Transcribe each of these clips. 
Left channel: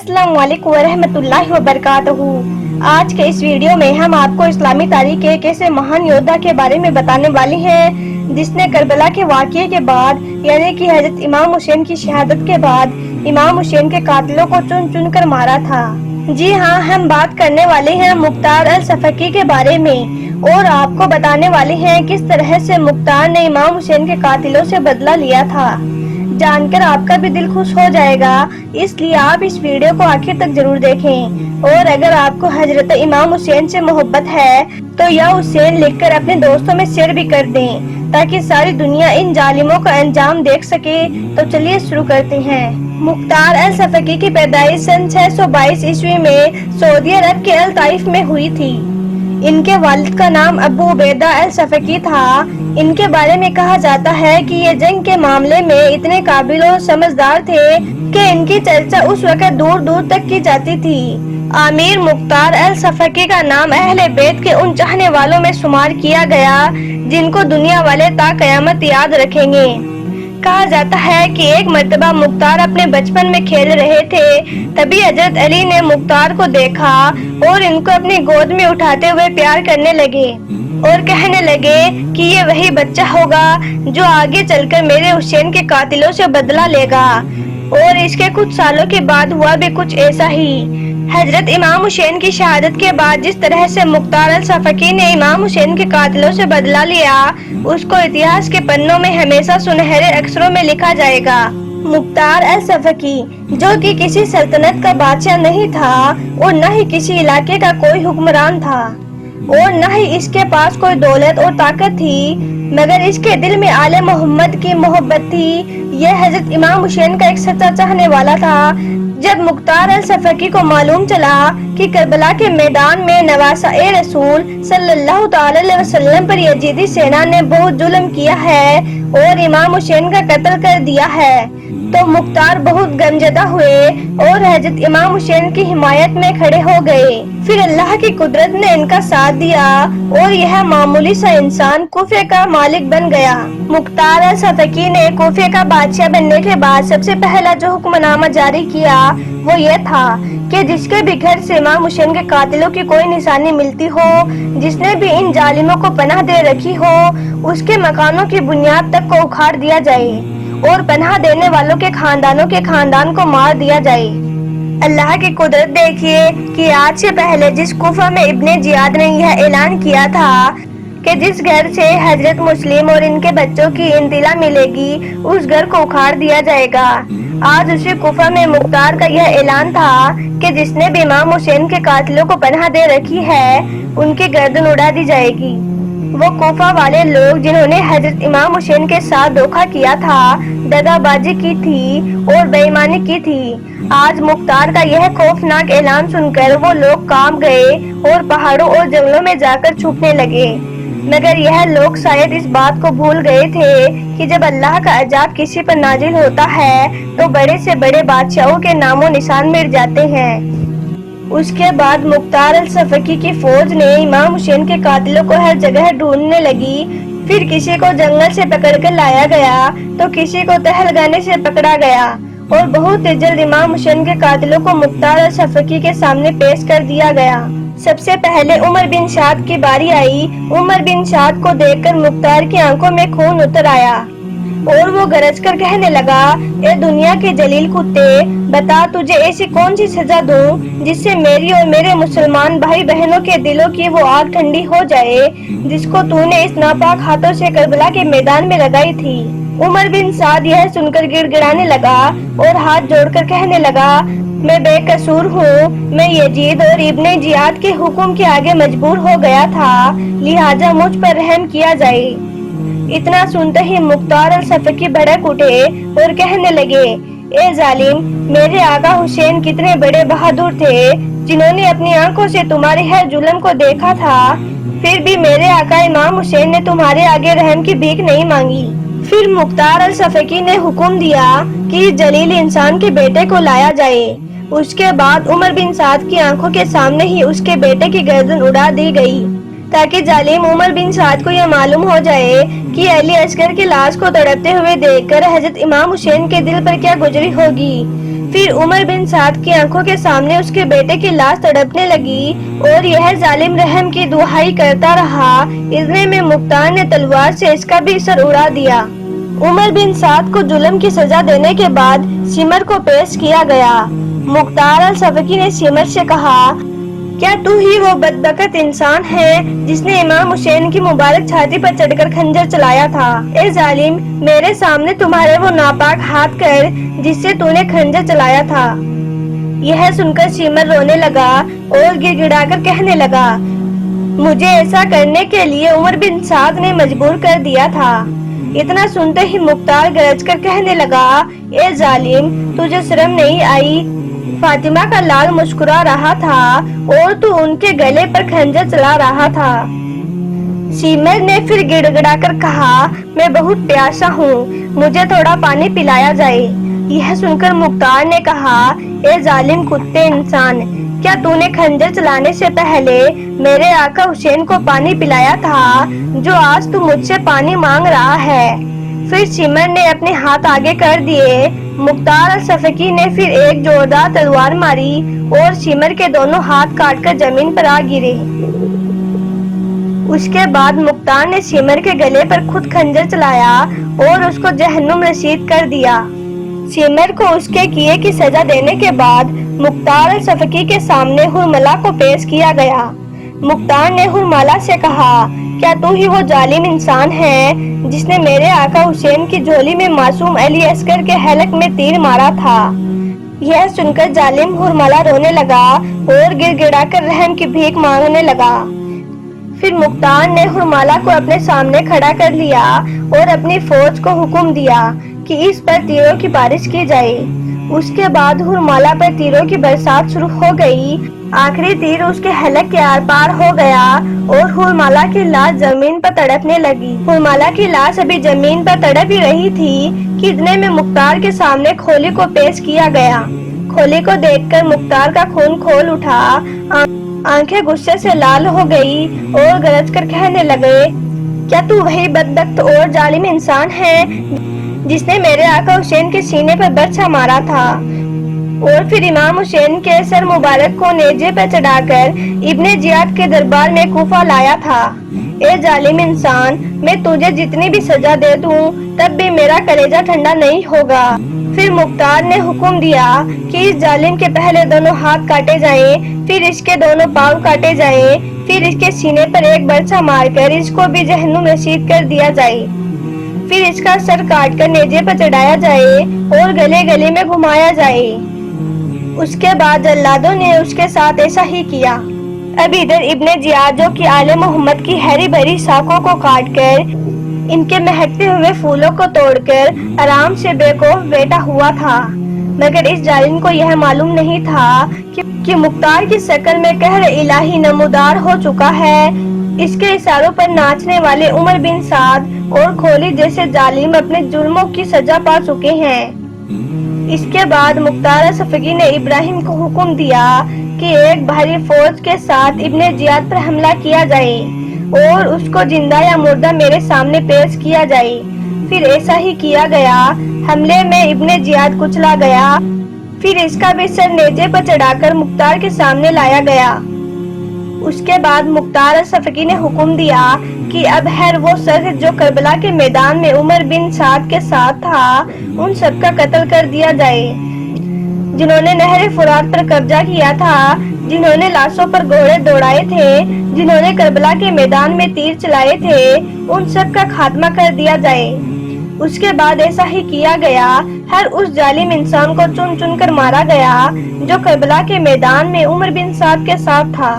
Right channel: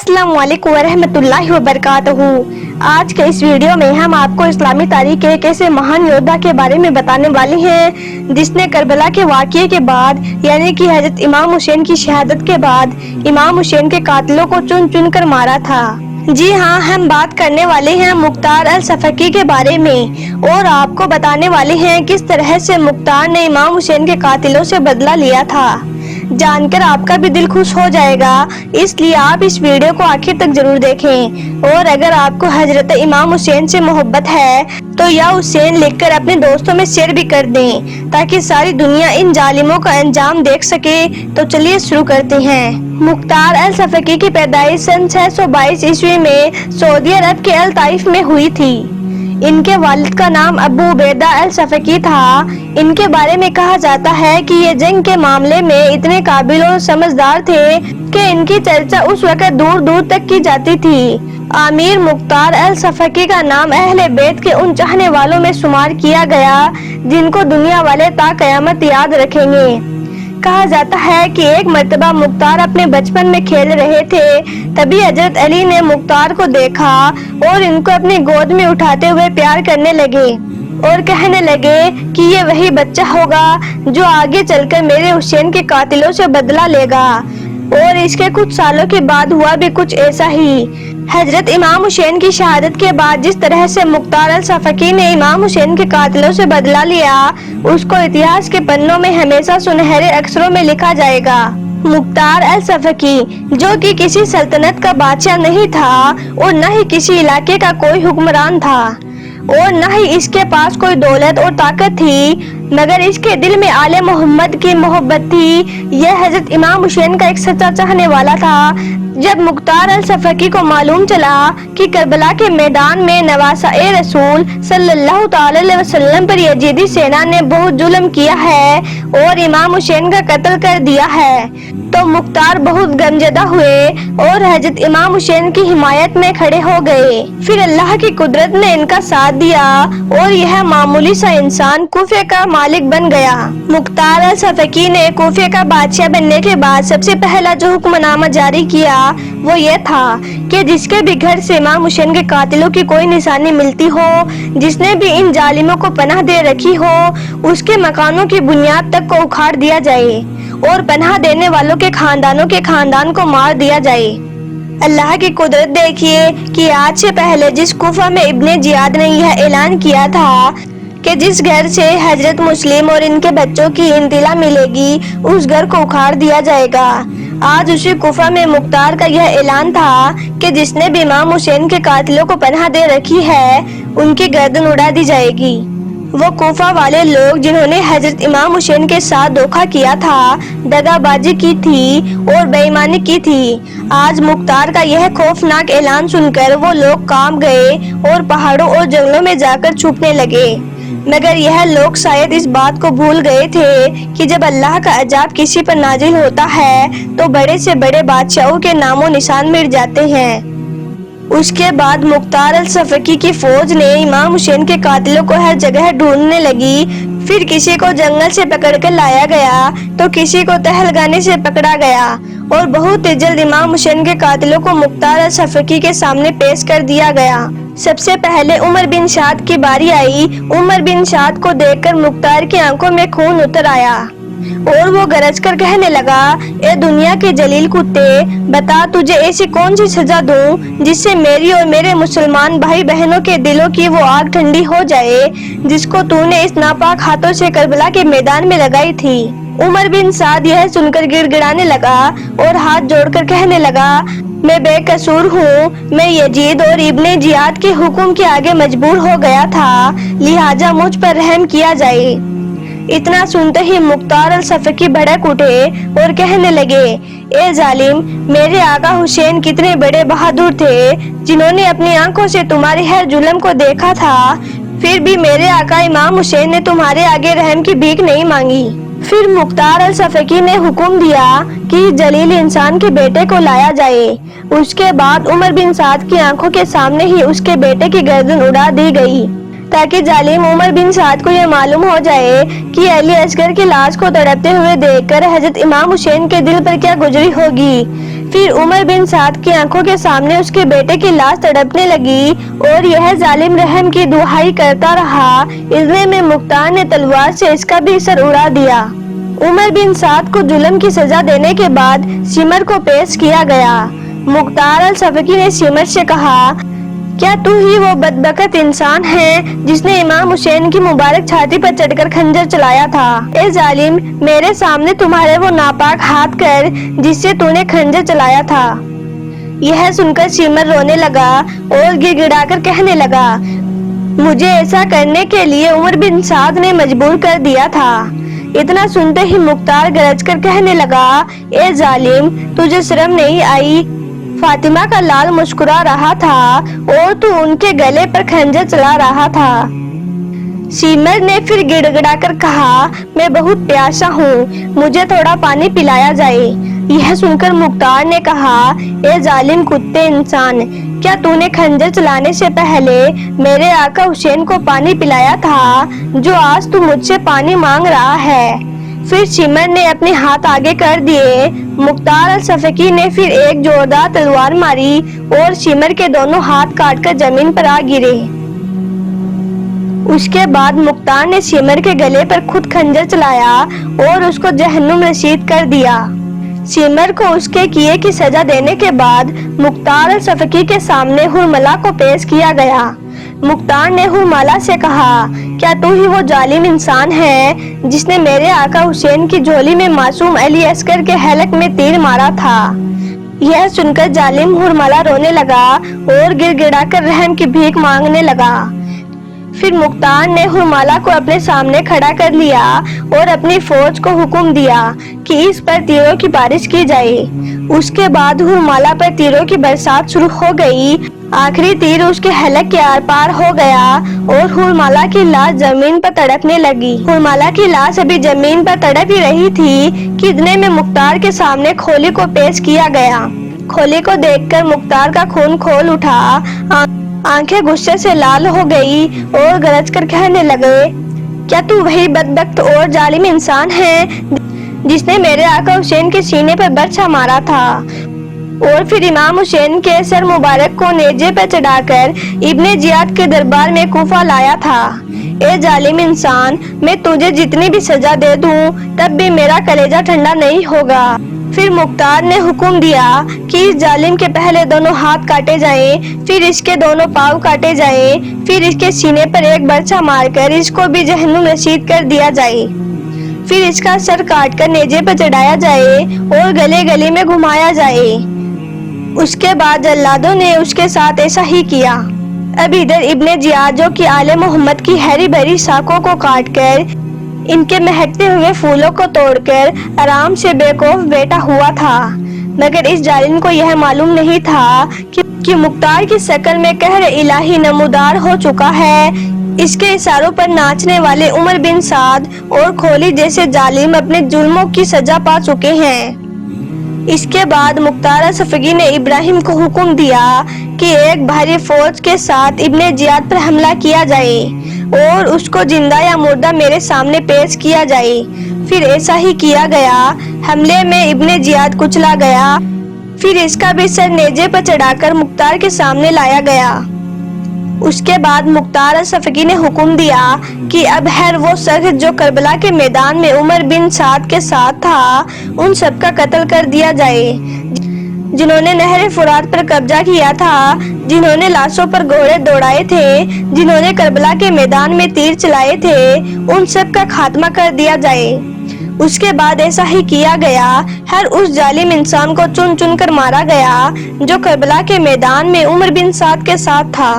अस्सलाम वालेकुम वरहमतुल्लाहि वबरकातुहू। आज के इस वीडियो में हम आपको इस्लामी तारीख के एक ऐसे महान योद्धा के बारे में बताने वाले हैं जिसने करबला के वाक़ये के बाद यानी कि हजरत इमाम हुसैन की शहादत के बाद इमाम हुसैन के कातिलों को चुन चुन कर मारा था। जी हाँ, हम बात करने वाले हैं मुख्तार अल सफकी के बारे में और आपको बताने वाले हैं किस तरह से मुख्तार ने इमाम हुसैन के कातिलों से बदला लिया था। जानकर आपका भी दिल खुश हो जाएगा, इसलिए आप इस वीडियो को आखिर तक जरूर देखें। और अगर आपको हजरत इमाम हुसैन से मोहब्बत है तो या हुसैन लिखकर अपने दोस्तों में शेयर भी कर दें ताकि सारी दुनिया इन जालिमों का अंजाम देख सके। तो चलिए शुरू करते हैं। मुख्तार अल सफकी की पैदाइश सन 622 ईस्वी में सऊदी अरब के अल ताइफ में हुई थी। इनके वालिद का नाम अबू उबैदा अल सफकी था। इनके बारे में कहा जाता है कि ये जंग के मामले में इतने काबिल और समझदार थे कि इनकी चर्चा उस वक्त दूर दूर तक की जाती थी। आमिर मुख्तार अल सफकी का नाम अहले बैत के उन चाहने वालों में शुमार किया गया जिनको दुनिया वाले ता कयामत याद रखेंगे। कहा जाता है कि एक मर्तबा मुख्तार अपने बचपन में खेल रहे थे, तभी हजरत अली ने मुख्तार को देखा और इनको अपनी गोद में उठाते हुए प्यार करने लगे और कहने लगे कि ये वही बच्चा होगा जो आगे चलकर मेरे हुसैन के कातिलों से बदला लेगा। और इसके कुछ सालों के बाद हुआ भी कुछ ऐसा ही। हजरत इमाम हुसैन की शहादत के बाद जिस तरह से मुख्तार अल सफकी ने इमाम हुसैन के कातिलों से बदला लिया, उसको इतिहास के पन्नों में हमेशा सुनहरे अक्षरों में लिखा जाएगा। मुख्तार अल सफकी जो कि किसी सल्तनत का बादशाह नहीं था और न ही किसी इलाके का कोई हुक्मरान था और न ही इसके पास कोई दौलत और ताकत थी, मगर इसके दिल में आले मोहम्मद की मोहब्बत थी। यह हजरत इमाम हुसैन का एक सच्चा चाहने वाला था। जब मुख्तार अल सफकी को मालूम चला कि करबला के मैदान में नवासा-ए रसूल सल्लल्लाहु अलैहि वसल्लम पर यजीदी सेना ने बहुत जुल्म किया है और इमाम हुसैन का कत्ल कर दिया है, तो मुख्तार बहुत गमजदा हुए और हजरत इमाम हुसैन की हिमायत में खड़े हो गए। फिर अल्लाह की कुदरत ने इनका साथ दिया और यह मामूली सा इंसान कूफे का मालिक बन गया। मुख्तार अल सफकी ने कूफे का बादशाह बनने के बाद सबसे पहला जो हुक्मनामा जारी किया वो ये था कि जिसके भी घर से इमाम हुसैन के कातिलों की कोई निशानी मिलती हो, जिसने भी इन जालिमों को पनाह दे रखी हो, उसके मकानों की बुनियाद तक को उखाड़ दिया जाए और पनाह देने वालों के खानदानों के खानदान को मार दिया जाए। अल्लाह की कुदरत देखिए कि आज से पहले जिस कुफा में इब्ने जियाद ने यह ऐलान किया था कि जिस घर से हजरत मुस्लिम और इनके बच्चों की इंतिला मिलेगी उस घर को उखाड़ दिया जाएगा, आज उसी कुफा में मुख्तार का यह ऐलान था कि जिसने भी इमाम हुसैन के कातिलों को पनाह दे रखी है उनकी गर्दन उड़ा दी जाएगी। वो कुफा वाले लोग जिन्होंने हजरत इमाम हुसैन के साथ धोखा किया था, दगाबाजी की थी और बेईमानी की थी, आज मुख्तार का यह खौफनाक ऐलान सुनकर वो लोग कांप गए और पहाड़ों और जंगलों में जाकर छुपने लगे। मगर यह लोग शायद इस बात को भूल गए थे कि जब अल्लाह का अजाब किसी पर नाजिल होता है तो बड़े से बड़े बादशाहों के नामो निशान मिट जाते हैं। उसके बाद मुख्तार अल सफकी की फौज ने इमाम हुसैन के कातिलों को हर जगह ढूंढने लगी। फिर किसी को जंगल से पकड़कर लाया गया तो किसी को तहलगाने से पकड़ा गया और बहुत जल्द इमाम हुसैन के कातिलों को मुख्तार अल सफकी के सामने पेश कर दिया गया। सबसे पहले उमर बिन साद की बारी आई। उमर बिन साद को देखकर मुख्तार की आंखों में खून उतर आया और वो गरज कर कहने लगा, ए दुनिया के जलील कुत्ते, बता तुझे ऐसी कौन सी सजा दूं जिससे मेरी और मेरे मुसलमान भाई बहनों के दिलों की वो आग ठंडी हो जाए जिसको तूने इस नापाक हाथों से करबला के मैदान में लगाई थी। उमर बिन साद यह सुनकर गिड़गिड़ाने लगा और हाथ जोड़कर कहने लगा, मैं बेकसूर हूँ, मैं यजीद और इब्ने जियाद के हुक्म के आगे मजबूर हो गया था, लिहाजा मुझ पर रहम किया जाए। इतना सुनते ही मुख्तार अल सफकी भड़क उठे और कहने लगे, ए जालिम, मेरे आका हुसैन कितने बड़े बहादुर थे जिन्होंने अपनी आंखों से तुम्हारे हर जुल्म को देखा था, फिर भी मेरे आका इमाम हुसैन ने तुम्हारे आगे रहम की भीख नहीं मांगी। फिर मुख्तार अल सफकी ने हुक्म दिया कि जलील इंसान के बेटे को लाया जाए। उसके बाद उमर बिन साद की आंखों के सामने ही उसके बेटे की गर्दन उड़ा दी गई ताकि जालिम उमर बिन साद को यह मालूम हो जाए कि अली असगर की लाश को तड़पते हुए देखकर हजरत इमाम हुसैन के दिल पर क्या गुजरी होगी। پھر عمر بن سعد کی آنکھوں کے سامنے اس کے بیٹے کی لاش تڑپنے لگی اور یہ ظالم رحم کی دہائی کرتا رہا۔ اتنے میں مختار نے تلوار سے اس کا بھی سر اڑا دیا۔ عمر بن سعد کو ظلم کی سزا دینے کے بعد سمر کو پیش کیا گیا۔ مختار الصفاقی نے سمر سے کہا، کیا تو ہی وہ بدبخت انسان ہے جس نے امام حسین کی مبارک چھاتی پر چڑھ کر خنجر چلایا تھا؟ اے ظالم، میرے سامنے تمہارے وہ ناپاک ہاتھ کر جس سے تو نے خنجر چلایا تھا۔ یہ سن کر سمر رونے لگا اور گڑ گڑا کر کہنے لگا، مجھے ایسا کرنے کے لیے عمر بن سعد نے مجبور کر دیا تھا۔ اتنا سنتے ہی مختار گرج کر کہنے لگا، اے ظالم، تجھے شرم نہیں آئی؟ فاطمہ کا لال مسکرا رہا تھا اور تو ان کے گلے پر خنجر چلا رہا تھا۔ سمر نے پھر گڑ گڑا کر کہا، میں بہت پیاسا ہوں، مجھے تھوڑا پانی پلایا جائے۔ یہ سن کر مختار نے کہا، اے ظالم کتے انسان، کیا تو نے خنجر چلانے سے پہلے میرے آقا حسین کو پانی پلایا تھا جو آج تو مجھ سے پانی مانگ رہا ہے؟ پھر سمر نے اپنے ہاتھ آگے کر دیے۔ مختار الصفاقی نے پھر ایک زوردار تلوار ماری اور سمر کے دونوں ہاتھ کاٹ کر زمین پر آ گرے۔ اس کے بعد مختار نے سمر کے گلے پر خود خنجر چلایا اور اس کو جہنم رسید کر دیا۔ سمر کو اس کے کیے کی سزا دینے کے بعد مختار الصفاقی کے سامنے حرملہ کو پیش کیا گیا۔ مختار نے حرملہ سے کہا، کیا تو ہی وہ ظالم انسان ہے جس نے میرے آقا حسین کی جھولی میں معصوم علی اصغر کے حلق میں تیر مارا تھا؟ یہ سن کر ظالم حرملہ رونے لگا اور گڑ گڑا کر رحم کی بھیک مانگنے لگا۔ پھر مختار نے حرملہ کو اپنے سامنے کھڑا کر لیا اور اپنی فوج کو حکم دیا کہ اس پر تیروں کی بارش کی جائے۔ اس کے بعد حرملہ پر تیروں کی برسات شروع ہو گئی۔ آخری تیر اس کے حلق کے آر پار ہو گیا اور حرملہ کی لاش زمین پر تڑپنے لگی۔ حرملہ کی لاش ابھی زمین پر تڑپ ہی رہی تھی کہ اتنے میں مختار کے سامنے کھولی کو پیش کیا گیا۔ کھولی کو دیکھ کر مختار کا خون کھول اٹھا، آنکھیں غصے سے لال ہو گئی اور گرج کر کہنے لگے، کیا تو وہی بدبخت اور ظالم انسان ہے جس نے میرے آقا حسین کے سینے پر برچھا مارا تھا اور پھر امام حسین کے سر مبارک کو نیزے پر چڑھا کر ابن زیاد کے دربار میں کوفہ لایا تھا؟ اے ظالم انسان، میں تجھے جتنی بھی سزا دے دوں تب بھی میرا کلیجہ ٹھنڈا نہیں ہوگا۔ پھر مختار نے حکم دیا کہ اس ظالم کے پہلے دونوں ہاتھ کاٹے جائیں، پھر اس کے دونوں پاؤں کاٹے جائیں، پھر اس کے سینے پر ایک برچھا مار کر اس کو بھی جہنم رسید کر دیا جائے، پھر اس کا سر کاٹ کر نیزے پر چڑھایا جائے اور گلے گلے میں گھمایا جائے۔ اس کے بعد جلادوں نے اس کے ساتھ ایسا ہی کیا۔ اب ادھر ابن زیاد جو کہ آل محمد کی ہری بھری شاخوں کو کاٹ کر ان کے مہکتے ہوئے پھولوں کو توڑ کر آرام سے بے خوف بیٹھا ہوا تھا، مگر اس ظالم کو یہ معلوم نہیں تھا کہ مختار کی شکل میں قہر الہی نمودار ہو چکا ہے۔ اس کے اشاروں پر ناچنے والے عمر بن سعد اور کھولی جیسے ظالم اپنے جرموں کی سزا پا چکے ہیں۔ اس کے بعد مختار الصفاقی نے ابراہیم کو حکم دیا کہ ایک بھاری فوج کے ساتھ ابن زیاد پر حملہ کیا جائے اور اس کو زندہ یا مردہ میرے سامنے پیش کیا جائے۔ پھر ایسا ہی کیا گیا۔ حملے میں ابن زیاد کچلا گیا، پھر اس کا بھی سر نیزے پر چڑھا کر مختار کے سامنے لایا گیا۔ اس کے بعد مختار الصفاقی نے حکم دیا کہ اب ہر وہ شخص جو کربلا کے میدان میں عمر بن سعد کے ساتھ تھا ان سب کا قتل کر دیا جائے، جنہوں نے نہر فرات پر قبضہ کیا تھا، جنہوں نے لاشوں پر گھوڑے دوڑائے تھے، جنہوں نے کربلا کے میدان میں تیر چلائے تھے، ان سب کا خاتمہ کر دیا جائے۔ اس کے بعد ایسا ہی کیا گیا۔ ہر اس ظالم انسان کو چن چن کر مارا گیا جو کربلا کے میدان میں عمر بن سعد کے ساتھ تھا۔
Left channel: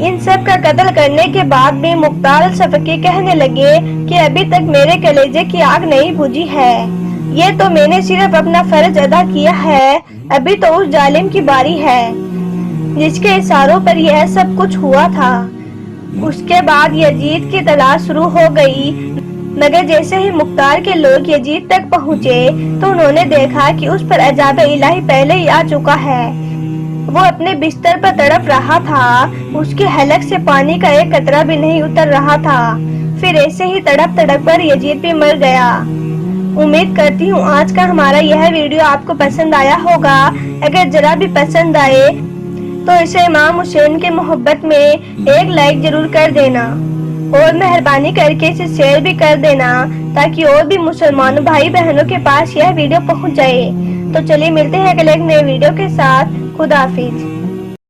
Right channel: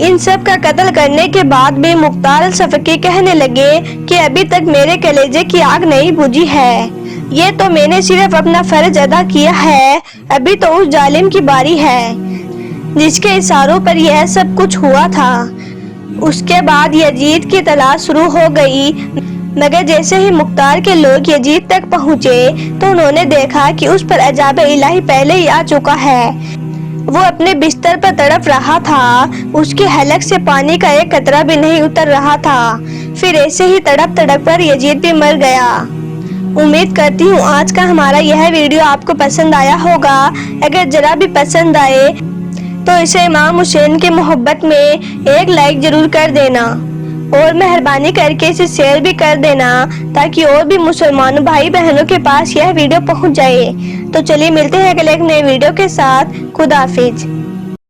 ان سب کا قتل کرنے کے بعد بھی مختار الصفاقی کہنے لگے کہ ابھی تک میرے کلیجے کی آگ نہیں بجھی ہے، یہ تو میں نے صرف اپنا فرض ادا کیا ہے، ابھی تو اس ظالم کی باری ہے جس کے اشاروں پر یہ سب کچھ ہوا تھا۔ اس کے بعد یزید کی تلاش شروع ہو گئی، مگر جیسے ہی مختار کے لوگ یزید تک پہنچے تو انہوں نے دیکھا کہ اس پر عذاب الہی پہلے ہی آ چکا ہے۔ وہ اپنے بستر پر تڑپ رہا تھا، اس کے حلق سے پانی کا ایک قطرہ بھی نہیں اتر رہا تھا۔ پھر ایسے ہی تڑپ تڑپ کر یزید بھی مر گیا۔ امید کرتی ہوں آج کا ہمارا یہ ویڈیو آپ کو پسند آیا ہوگا۔ اگر ذرا بھی پسند آئے تو اسے امام حسین کے محبت میں ایک لائک ضرور کر دینا اور مہربانی کر کے اسے شیئر بھی کر دینا تاکہ اور بھی مسلمان بھائی بہنوں کے پاس یہ ویڈیو پہنچ جائے۔ تو چلیے ملتے ہیں اگلے ایک نئے ویڈیو کے ساتھ۔ خدا حافظ۔